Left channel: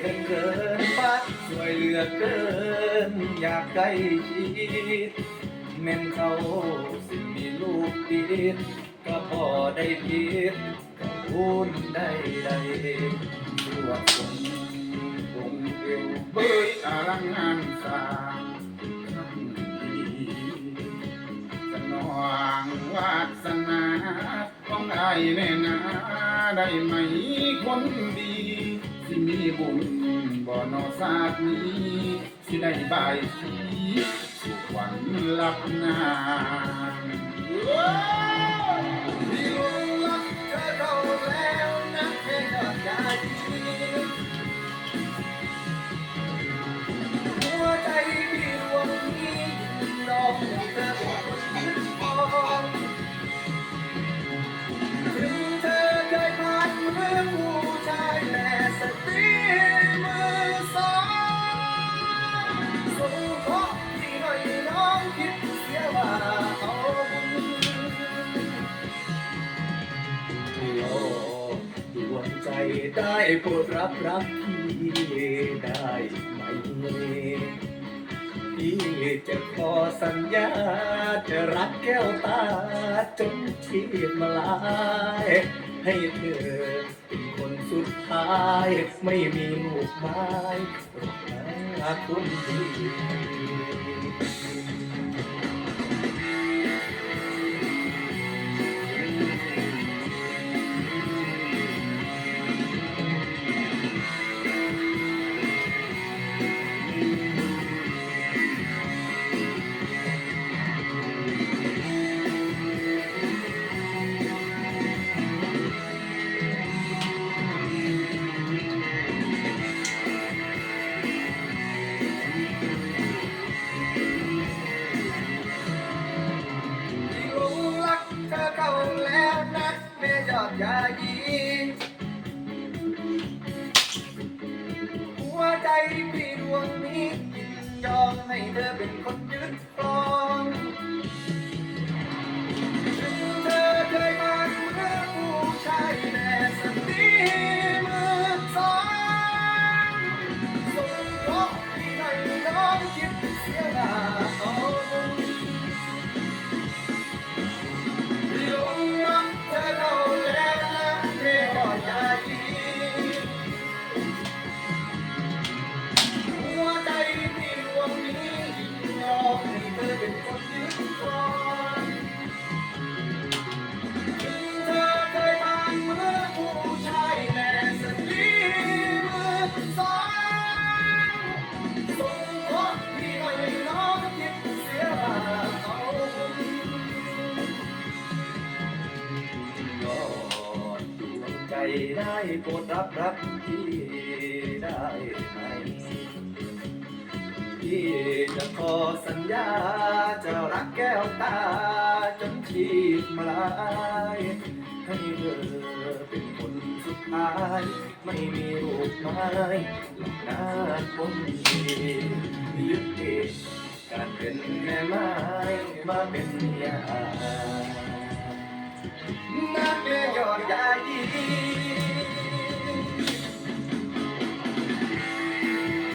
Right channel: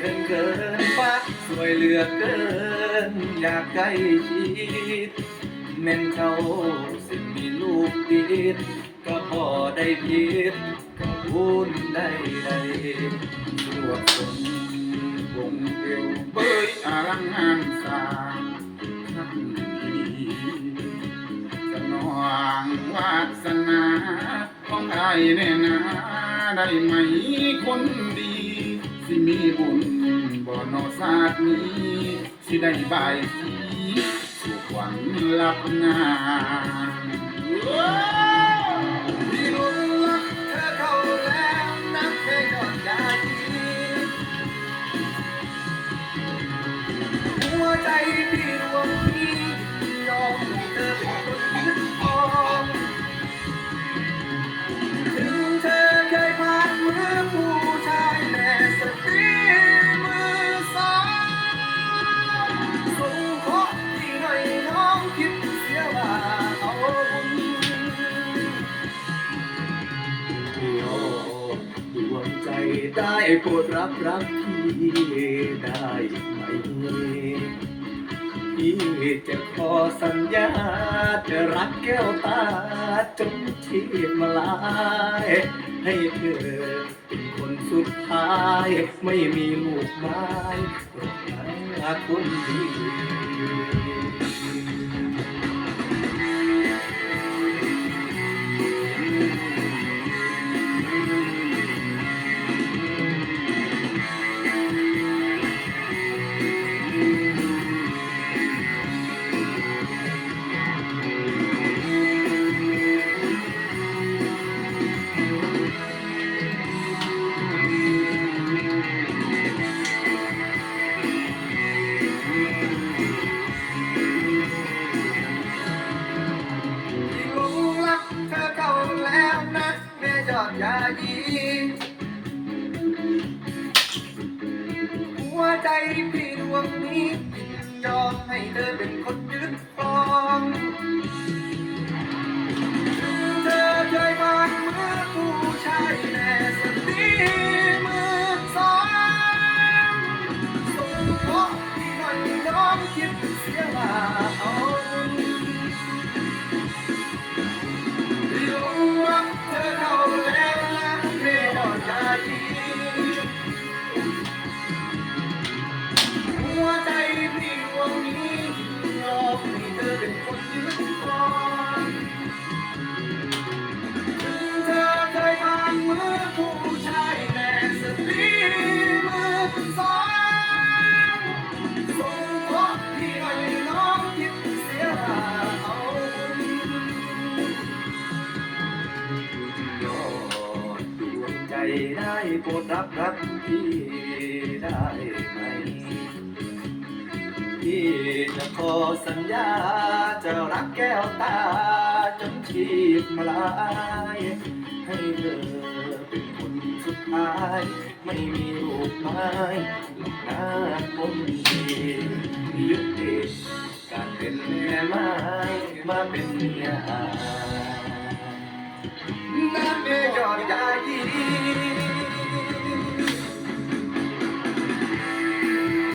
เกินเกินฟ้าสวยเหลือเกิน อยากใกล้ชิดแม่นเขาสิมีลูกติดก็พอได้ผิดก็วุ่นได้ได้สวดฝนวงเอวเบยอารังงานสางทั้งดีสนองวาสนาต้องไอ้แน่นาได้ไหมคนดี สิมีบุญบ่นอศาสนี้สิได้บายสีสุขวันหลับนานที่รักเธอเขาแล้วนักแค่ยอดยาดีหัวใจที่ดวงนี้ยอมให้เธอเป็นคนยึดครองถึงเธอเคยผ่านเมือผู้ ได้โปรดรับรักพี่ได้ไหมพี่จะขอสัญญา จะรักแก้วตาจนชีพมาลาย ให้เธอเป็นคนสุ ดท้ายไม่มีลูกไม้ตกหน้าคนดี ให้เธอเป็นคนยึด ได้โปรดรับรักพี่ได้ไหมพี่จะขอสัญญาจะรักแก้วตาจนชีพมาลายให้เธอเป็นคนสุดท้าย ไม่มีรูปไม้หลับหน้าคนดีเลือกเองการเป็นแม่ไม้มาเป็นเมีย น้